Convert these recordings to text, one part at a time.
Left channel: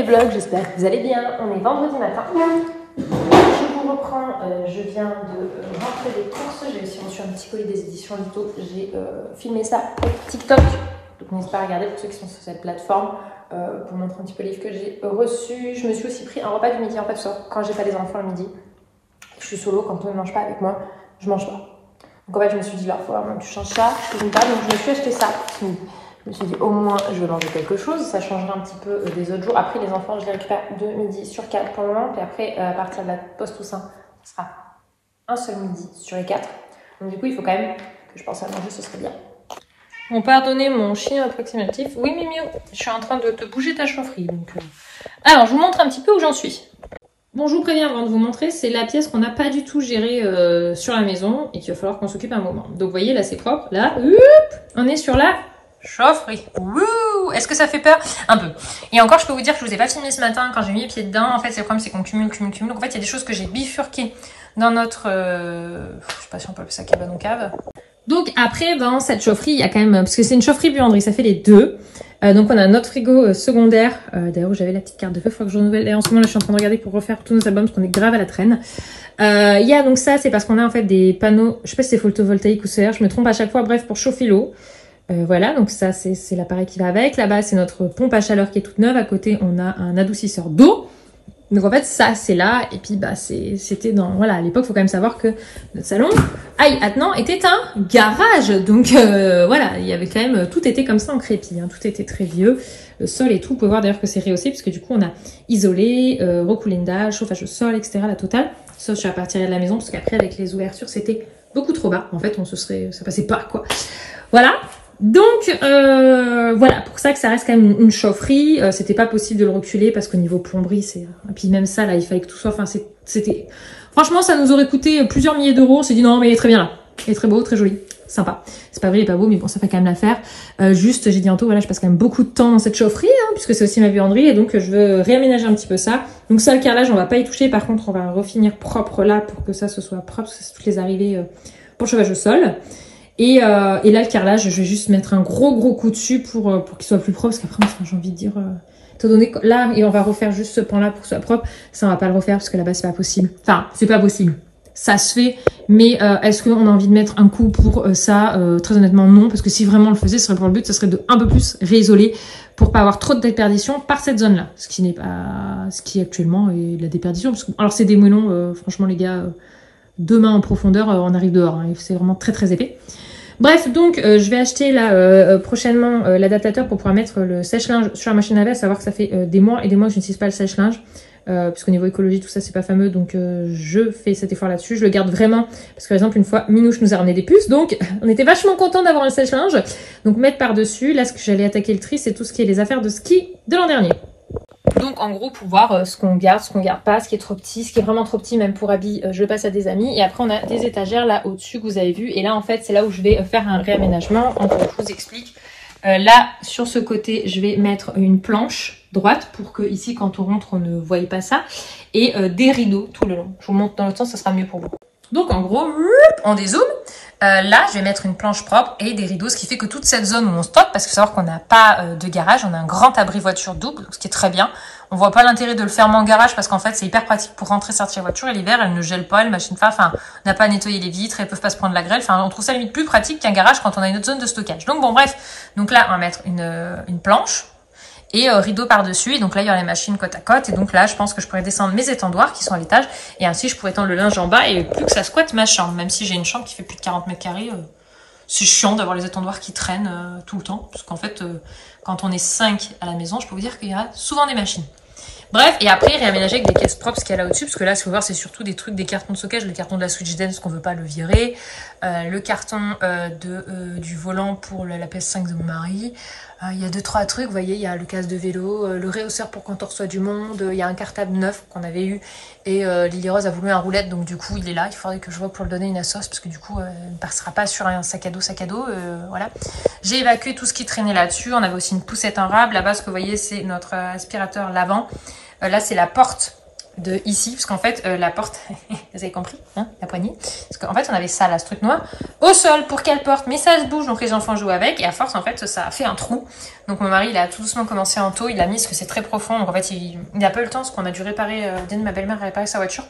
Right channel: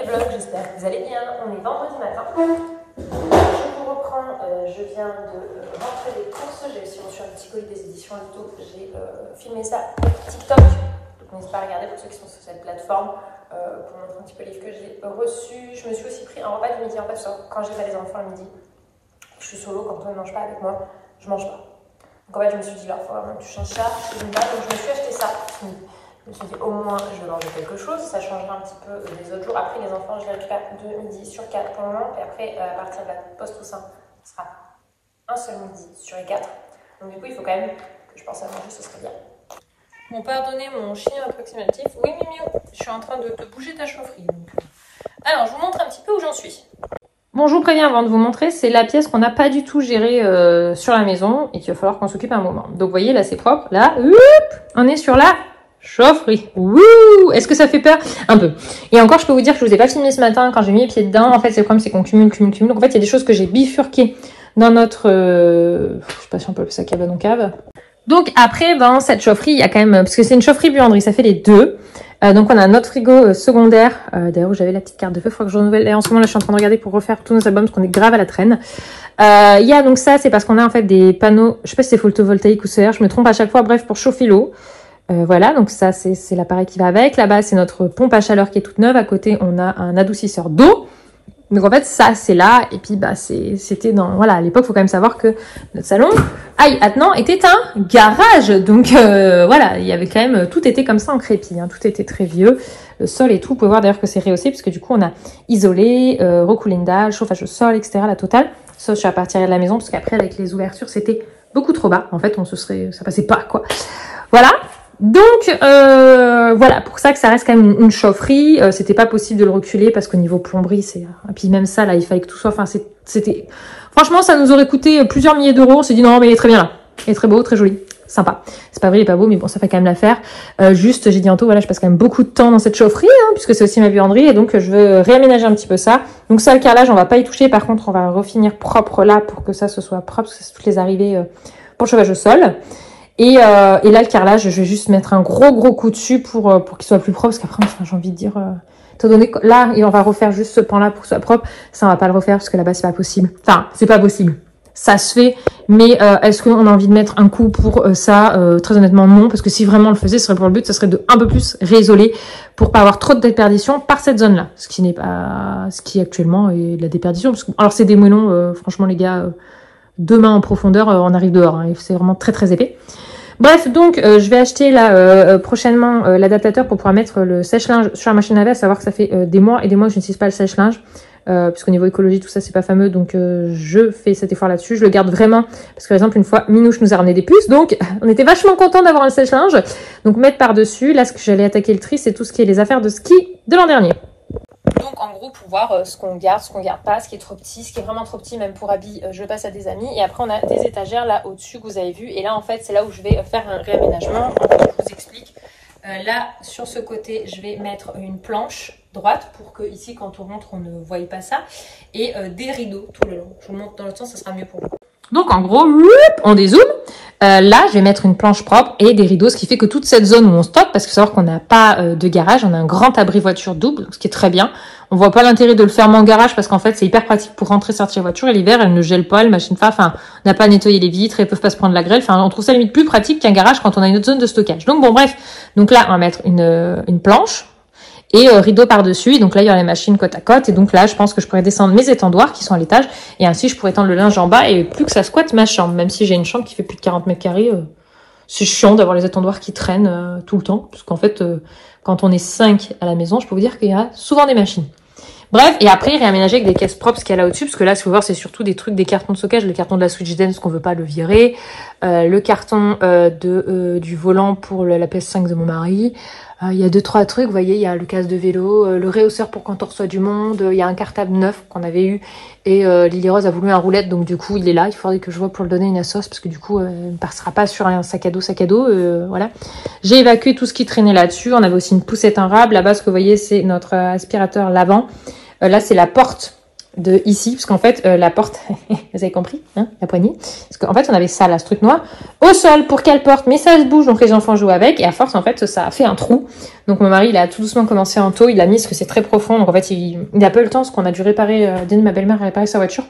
les vlogs, j'espère que vous allez bien. On est vendredi matin. Je vous reprends, je viens de rentrer des courses. J'ai aussi reçu un petit colis des éditions Lito. J'ai filmé ça avec TikTok. Donc n'hésitez pas à regarder pour ceux qui sont sur cette plateforme pour montrer un petit peu les livres que j'ai reçus. Je me suis aussi pris un repas du midi. En fait, quand j'ai pas les enfants le midi, je suis solo, quand on ne mange pas avec moi, je mange pas. Donc en fait, je me suis dit, là, il faut vraiment que tu changes ça. Je cuisine pas, donc je me suis acheté ça. Je me suis dit, au moins, je vais manger quelque chose. Ça changera un petit peu des autres jours. Après, les enfants, je les récupère de midi sur 4 pour le moment. Puis après, à partir de la pause Toussaint, ce sera un seul midi sur les 4. Donc du coup, il faut quand même que je pense à manger, ce serait bien. Bon, pardonnez mon chien approximatif. Oui, Mimio, je suis en train de te bouger ta chaufferie. Donc, alors, je vous montre un petit peu où j'en suis. Bon, je vous préviens avant de vous montrer, c'est la pièce qu'on n'a pas du tout gérée sur la maison et qu'il va falloir qu'on s'occupe un moment. Donc, vous voyez, là, c'est propre. Là, on est sur la chaufferie. Wouh! Est-ce que ça fait peur? Un peu. Et encore, je peux vous dire que je vous ai pas filmé ce matin quand j'ai mis les pieds dedans. En fait, le problème, c'est qu'on cumule. Donc, en fait, il y a des choses que j'ai bifurquées dans notre... je sais pas si on peut appeler ça cabanon cave. Donc, après, dans cette chaufferie, il y a quand même... Parce que c'est une chaufferie buanderie, ça fait les deux. Donc on a notre frigo secondaire. D'ailleurs j'avais la petite carte de feu, il faudra que je renouvelle. Et en ce moment là je suis en train de regarder pour refaire tous nos albums parce qu'on est grave à la traîne. Il y a donc ça, c'est parce qu'on a en fait des panneaux, je sais pas si c'est photovoltaïque ou solaire, je me trompe à chaque fois, bref, pour chauffer l'eau. Voilà, donc ça c'est l'appareil qui va avec. Là-bas c'est notre pompe à chaleur qui est toute neuve. À côté on a un adoucisseur d'eau. Donc en fait ça c'est là et puis bah c'était dans voilà à l'époque faut quand même savoir que notre salon Attenant était un garage donc voilà il y avait quand même tout était comme ça en crépi hein, tout était très vieux le sol et tout vous pouvez voir d'ailleurs que c'est rehaussé puisque du coup on a isolé recoulé une dalle chauffage au sol etc la totale sauf je suis à partir de la maison parce qu'après avec les ouvertures c'était beaucoup trop bas en fait ça passait pas quoi voilà. Donc voilà, pour ça que ça reste quand même une chaufferie. C'était pas possible de le reculer parce qu'au niveau plomberie, c'est... Et puis même ça, là, il fallait que tout soit... Enfin, c'était... Franchement, ça nous aurait coûté plusieurs milliers d'euros. On s'est dit non, mais il est très bien là. Il est très beau, très joli, sympa. C'est pas vrai, il est pas beau, mais bon, ça fait quand même l'affaire. Juste, j'ai dit Anto, voilà, je passe quand même beaucoup de temps dans cette chaufferie, hein, puisque c'est aussi ma buanderie, et donc je veux réaménager un petit peu ça. Donc ça, le carrelage, on va pas y toucher. Par contre, on va refinir propre là pour que ça se soit propre, parce que c'est toutes les arrivées pour le chauffage au sol. Et là, le carrelage, je vais juste mettre un gros coup dessus pour qu'il soit plus propre. Parce qu'après, j'ai envie de dire... étant donné que là, on va refaire juste ce pan-là pour que ce soit propre. Ça, on va pas le refaire parce que là-bas, c'est pas possible. Enfin, c'est pas possible. Ça se fait. Mais est-ce qu'on a envie de mettre un coup pour ça? Très honnêtement, non. Parce que si vraiment on le faisait, ce serait pour le but, ce serait de un peu plus réisoler pour pas avoir trop de déperdition par cette zone-là. Ce qui n'est pas... Ce qui actuellement est de la déperdition. Parce que, alors, c'est des moellons. Franchement, les gars, 2 mains en profondeur, on arrive dehors. Hein, c'est vraiment très épais. Bref, donc je vais acheter là prochainement l'adaptateur pour pouvoir mettre le sèche-linge sur la machine à laver, à savoir que ça fait des mois et des mois que je n'utilise pas le sèche-linge, puisqu'au niveau écologie tout ça c'est pas fameux, donc je fais cet effort là-dessus, je le garde vraiment, parce que par exemple une fois Minouche nous a ramené des puces, donc on était vachement contents d'avoir un sèche-linge, donc mettre par-dessus, là ce que j'allais attaquer le tri c'est tout ce qui est les affaires de ski de l'an dernier. Donc en gros pour voir ce qu'on garde pas, ce qui est trop petit, ce qui est vraiment trop petit même pour habits, je le passe à des amis. Et après on a des étagères là au-dessus que vous avez vu. Et là en fait c'est là où je vais faire un réaménagement. Donc je vous explique. Là sur ce côté je vais mettre une planche droite pour que ici quand on rentre on ne voie pas ça. Et des rideaux tout le long. Je vous montre dans l'autre sens, ça sera mieux pour vous. Donc en gros, on dézoome. Là, je vais mettre une planche propre et des rideaux, ce qui fait que toute cette zone où on stocke, parce qu'il faut savoir qu'on n'a pas de garage, on a un grand abri voiture double, ce qui est très bien. On voit pas l'intérêt de le fermer en garage parce qu'en fait, c'est hyper pratique pour rentrer, sortir la voiture et l'hiver, elle ne gèle pas, les machines, enfin, on n'a pas à nettoyer les vitres, elles peuvent pas se prendre la grêle. Enfin, on trouve ça limite plus pratique qu'un garage quand on a une autre zone de stockage. Donc bon, bref. Donc là, on va mettre une planche. Et rideau par-dessus, donc là il y aura les machines côte à côte, et donc là je pense que je pourrais descendre mes étendoirs qui sont à l'étage, et ainsi je pourrais tendre le linge en bas, et plus que ça squatte ma chambre, même si j'ai une chambre qui fait plus de 40 mètres carrés, c'est chiant d'avoir les étendoirs qui traînent tout le temps, parce qu'en fait quand on est 5 à la maison, je peux vous dire qu'il y a souvent des machines. Bref, et après réaménager avec des caisses propres ce qu'il y a là au-dessus, parce que là, si vous voir, c'est surtout des trucs, des cartons de stockage, le carton de la Switch Dance qu'on veut pas le virer, le carton du volant pour la PS5 de mon mari. Il y a 2-3 trucs, vous voyez, il y a le casque de vélo, le réhausseur pour quand on reçoit du monde, il y a un cartable neuf qu'on avait eu, et Lily Rose a voulu un roulette, donc du coup il est là, il faudrait que je vois pour le donner une assos, parce que du coup elle ne passera pas sur un sac à dos, voilà. J'ai évacué tout ce qui traînait là-dessus, on avait aussi une poussette en rab, là-bas ce que vous voyez c'est notre aspirateur lavant, là c'est la porte de ici, parce qu'en fait, la porte, vous avez compris, hein, la poignée, parce qu'en fait, on avait ça, là, ce truc noir, au sol pour qu'elle porte, mais ça se bouge, donc les enfants jouent avec, et à force, en fait, ça a fait un trou. Donc mon mari, il a tout doucement commencé en taux, il l'a mis, parce que c'est très profond, donc en fait, il a pas eu le temps, parce qu'on a dû réparer, dès que ma belle-mère a réparé sa voiture.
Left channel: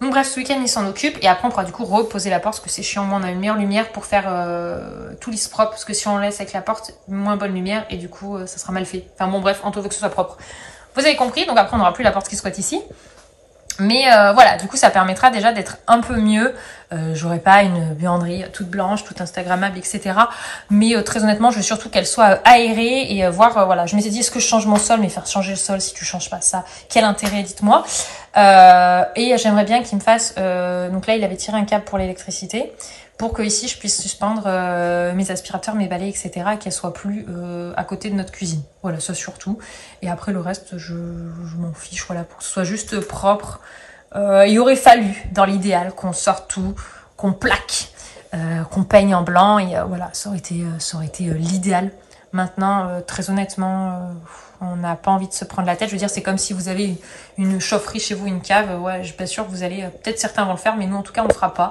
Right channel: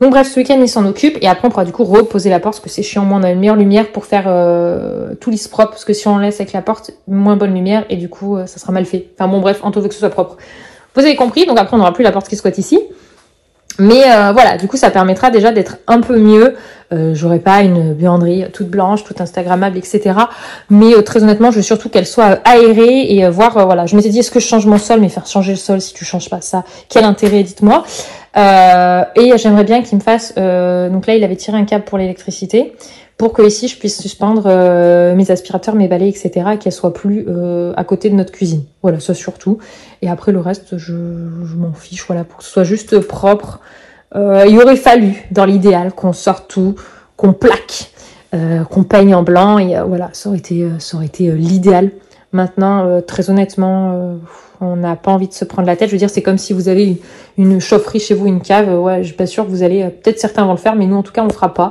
Donc bref, ce week-end, il s'en occupe, et après, on pourra du coup reposer la porte, parce que c'est chiant, moi, on a une meilleure lumière pour faire tout lisse propre, parce que si on laisse avec la porte, moins bonne lumière, et du coup, ça sera mal fait. Enfin bon, bref, Anto veut que ce soit propre. Vous avez compris, donc après, on n'aura plus la porte qui squatte ici. Mais voilà, du coup, ça permettra déjà d'être un peu mieux. J'aurai pas une buanderie toute blanche, toute instagrammable, etc. Mais très honnêtement, je veux surtout qu'elle soit aérée et voir, voilà. Je m'étais dit, est-ce que je change mon sol? Mais faire changer le sol si tu changes pas ça, quel intérêt, dites-moi. Et j'aimerais bien qu'il me fasse... donc là, il avait tiré un câble pour l'électricité pour que ici, je puisse suspendre mes aspirateurs, mes balais, etc. et qu'elles soient plus à côté de notre cuisine. Voilà, ça surtout. Et après, le reste, je m'en fiche, voilà, pour que ce soit juste propre. Il aurait fallu, dans l'idéal, qu'on sorte tout, qu'on plaque, qu'on peigne en blanc, et voilà, ça aurait été l'idéal. Maintenant, très honnêtement, on n'a pas envie de se prendre la tête. Je veux dire, c'est comme si vous avez une chaufferie chez vous, une cave. Ouais, je suis pas sûre que vous allez... peut-être certains vont le faire, mais nous, en tout cas, on le fera pas.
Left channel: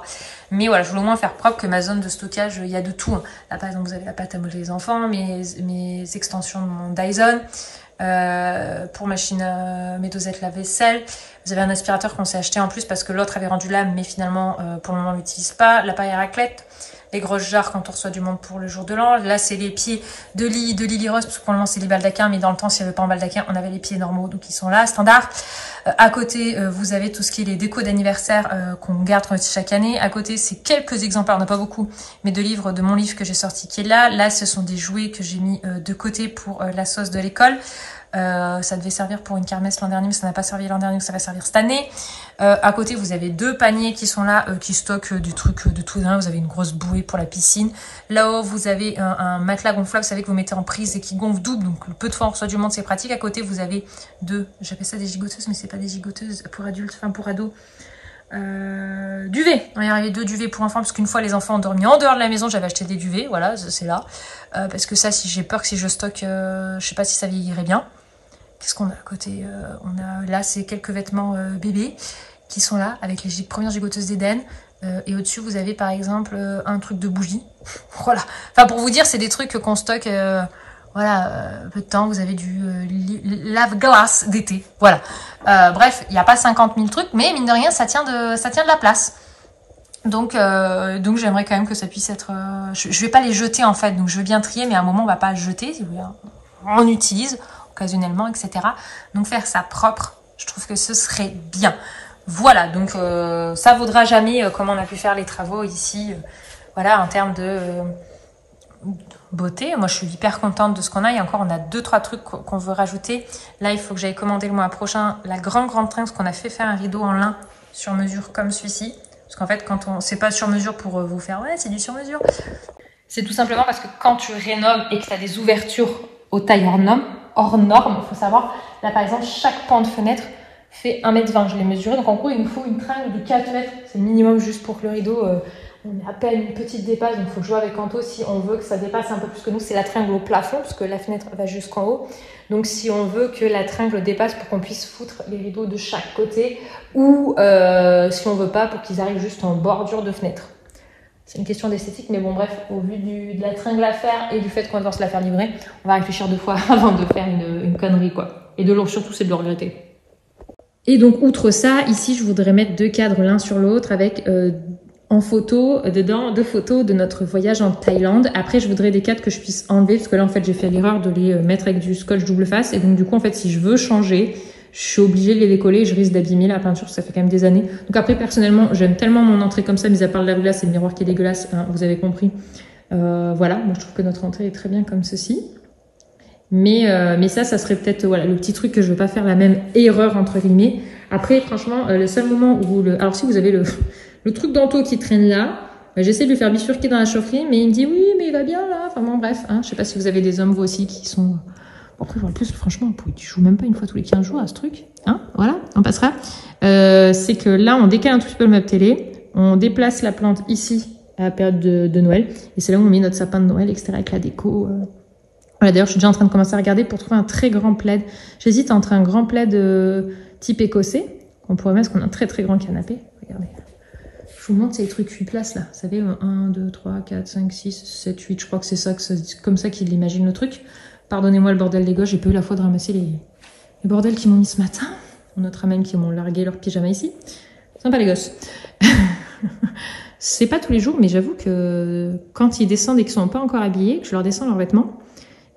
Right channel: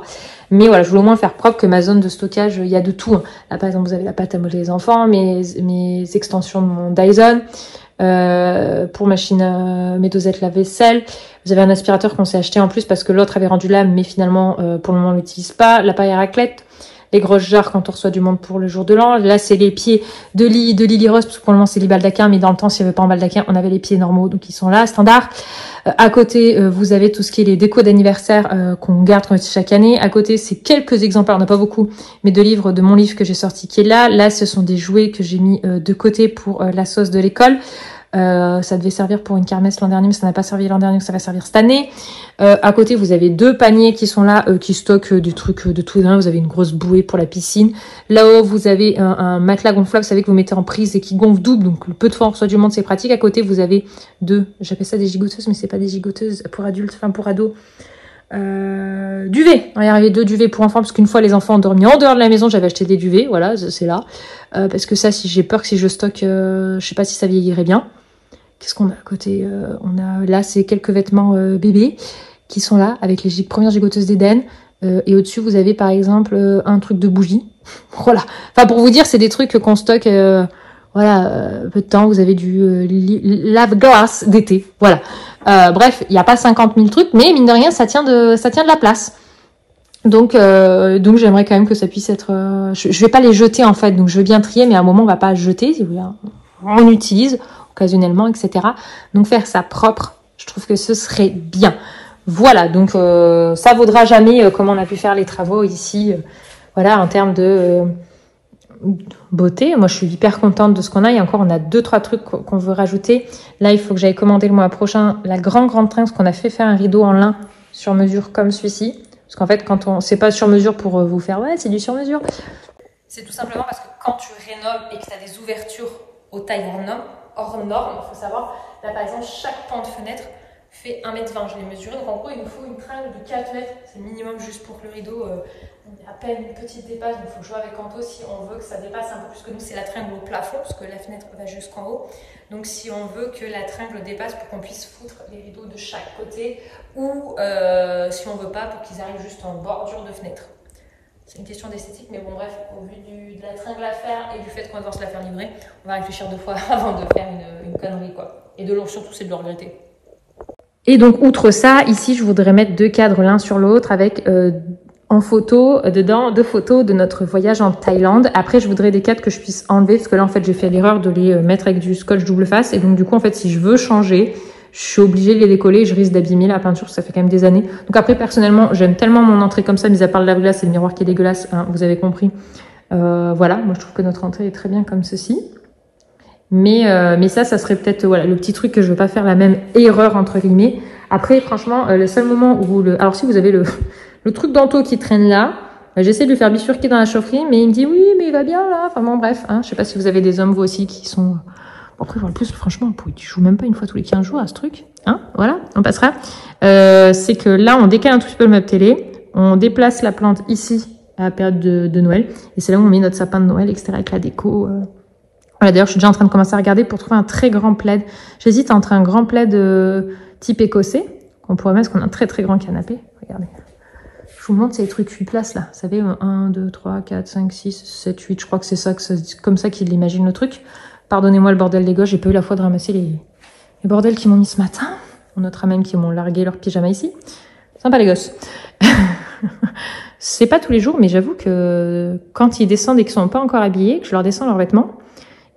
Mais voilà, je voulais au moins faire propre que ma zone de stockage, il y a de tout. Hein. Là, par exemple, vous avez la pâte à modeler les enfants, mes extensions de mon Dyson, pour machine, mes dosettes lave-vaisselle. Vous avez un aspirateur qu'on s'est acheté en plus parce que l'autre avait rendu l'âme, mais finalement, pour le moment, on l'utilise pas. La paille à raclette, les grosses jarres quand on reçoit du monde pour le jour de l'an. Là, c'est les pieds de Lily Rose, parce que pour le moment, c'est les baldaquins, mais dans le temps, s'il n'y avait pas en baldaquin, on avait les pieds normaux, donc ils sont là, standard. À côté, vous avez tout ce qui est les décos d'anniversaire qu'on garde chaque année. À côté, c'est quelques exemplaires, on n'a pas beaucoup, mais de livres de mon livre que j'ai sorti qui est là. Là, ce sont des jouets que j'ai mis de côté pour la sauce de l'école. Ça devait servir pour une kermesse l'an dernier, mais ça n'a pas servi l'an dernier, donc ça va servir cette année. À côté, vous avez 2 paniers qui sont là, qui stockent du truc de tout. Vous avez une grosse bouée pour la piscine. Là-haut, vous avez un matelas gonflable, vous savez que vous mettez en prise et qui gonfle double, donc le peu de fois on reçoit du monde, c'est pratique. À côté, vous avez 2, j'appelle ça des gigoteuses, mais c'est pas des gigoteuses pour adultes, enfin pour ados. Duvet. Il y avait 2 duvets pour enfants, parce qu'une fois les enfants ont dormi en dehors de la maison, j'avais acheté des duvets, voilà, c'est là. Parce que ça, si j'ai peur que si je stocke, je sais pas si ça vieillirait bien. Qu'est-ce qu'on a à côté? On a là, c'est quelques vêtements bébés qui sont là avec les premières gigoteuses d'Éden. Et au-dessus, vous avez par exemple un truc de bougie. Voilà. Enfin, pour vous dire, c'est des trucs qu'on stocke. Voilà, peu de temps. Vous avez du lave-glace d'été. Voilà. Bref, il n'y a pas 50 000 trucs, mais mine de rien, ça tient de la place. Donc j'aimerais quand même que ça puisse être. Je vais pas les jeter en fait. Donc je veux bien trier, mais à un moment, on va pas jeter. Si vous voulez, on utilise occasionnellement, etc. Donc faire ça propre, je trouve que ce serait bien. Voilà, donc ça vaudra jamais comme on a pu faire les travaux ici. Voilà, en termes de beauté. Moi, je suis hyper contente de ce qu'on a. Et encore, on a 2-3 trucs qu'on veut rajouter. Là, il faut que j'aille commander le mois prochain la grande tringle, parce qu'on a fait faire un rideau en lin sur mesure comme celui-ci. Parce qu'en fait, quand c'est pas sur mesure pour vous faire, ouais, c'est du sur mesure. C'est tout simplement parce que quand tu rénoves et que tu as des ouvertures aux tailles hors norme, il faut savoir, là par exemple, chaque pan de fenêtre fait 1,20 m. Je l'ai mesuré, donc en gros, il nous faut une tringle de 4 mètres. C'est le minimum juste pour que le rideau, on est à peine une petite dépasse, donc il faut que je vois avec Anto si on veut que ça dépasse un peu plus que nous. C'est la tringle au plafond, parce que la fenêtre va jusqu'en haut. Donc si on veut que la tringle dépasse pour qu'on puisse foutre les rideaux de chaque côté, ou si on veut pas, pour qu'ils arrivent juste en bordure de fenêtre. C'est une question d'esthétique, mais bon bref, au vu de la tringle à faire et du fait qu'on va devoir se la faire livrer, on va réfléchir 2 fois avant de faire une connerie, quoi. Et de l'eau, surtout, c'est de le regretter. Et donc, outre ça, ici, je voudrais mettre 2 cadres l'un sur l'autre avec en photo, dedans, 2 photos de notre voyage en Thaïlande. Après, je voudrais des cadres que je puisse enlever, parce que là, en fait, j'ai fait l'erreur de les mettre avec du scotch double face. Et donc, du coup, en fait, si je veux changer, je suis obligée de les décoller, je risque d'abîmer la peinture, ça fait quand même des années. Donc après, personnellement, j'aime tellement mon entrée comme ça, mis à part le lave-glace et le miroir qui est dégueulasse, hein, vous avez compris. Voilà, moi je trouve que notre entrée est très bien comme ceci. Mais ça serait peut-être voilà, le petit truc que je veux pas faire la même erreur, entre guillemets. Après, franchement, le seul moment où... Alors si vous avez le truc d'Anto qui traîne là, j'essaie de lui faire bifurquer dans la chaufferie, mais il me dit oui, mais il va bien là. Enfin bon, bref, hein, je sais pas si vous avez des hommes, vous aussi, qui sont... Après, en plus, franchement, tu joues même pas une fois tous les 15 jours à ce truc. Hein, voilà, on passera. C'est que là, on décale un tout petit peu le meuble télé. On déplace la plante ici, à la période de Noël. Et c'est là où on met notre sapin de Noël, etc. avec la déco. Voilà, d'ailleurs, je suis déjà en train de commencer à regarder pour trouver un très grand plaid. J'hésite entre un grand plaid type écossais qu'on pourrait mettre, parce qu'on a un très très grand canapé. Regardez. Je vous montre ces trucs 8 places là. Vous savez, 1, 2, 3, 4, 5, 6, 7, 8. Je crois que c'est ça, comme ça qu'il imagine le truc. Pardonnez-moi le bordel des gosses, j'ai pas eu la foi de ramasser les bordels qu'ils m'ont mis ce matin. On notera même qu'ils m'ont largué leur pyjama ici. Sympa les gosses. C'est pas tous les jours, mais j'avoue que quand ils descendent et qu'ils sont pas encore habillés, que je leur descends leurs vêtements,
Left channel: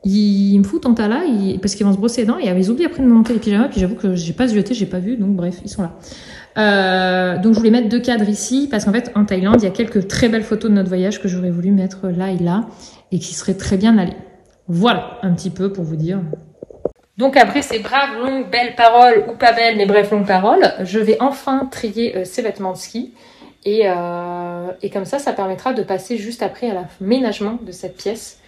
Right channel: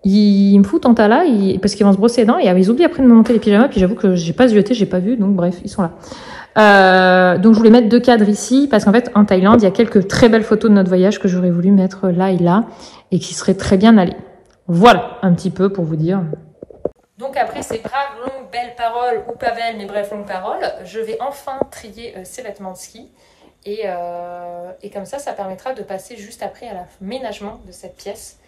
ils me foutent en tas là, parce qu'ils vont se brosser les dents, et ils oublient après de me monter les pyjamas, puis j'avoue que j'ai pas zioté, j'ai pas vu, donc bref, ils sont là. Donc je voulais mettre 2 cadres ici, parce qu'en fait, en Thaïlande, il y a quelques très belles photos de notre voyage que j'aurais voulu mettre là et là, et qui seraient très bien allées. Voilà, un petit peu pour vous dire. Donc après ces braves, longues, belles paroles, ou pas belles, mais bref, longues paroles, je vais enfin trier ces vêtements de ski. Et comme ça permettra de passer juste après à l'aménagement de cette pièce,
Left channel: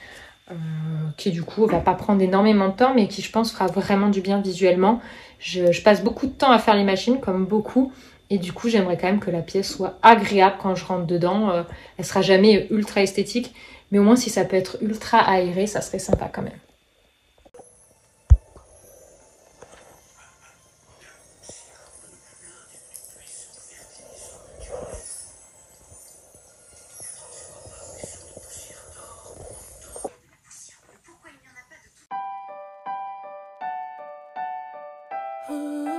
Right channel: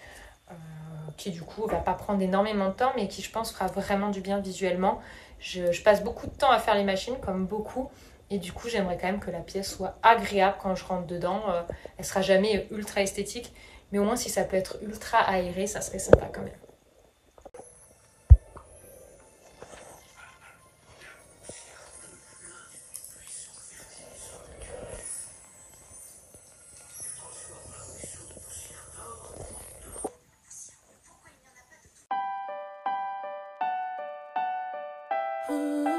qui du coup va pas prendre énormément de temps, mais qui je pense fera vraiment du bien visuellement. Je passe beaucoup de temps à faire les machines, comme beaucoup, et du coup j'aimerais quand même que la pièce soit agréable quand je rentre dedans. Elle sera jamais ultra esthétique, mais au moins si ça peut être ultra aéré, ça serait sympa quand même. Pourquoi il n'y en a pas de tout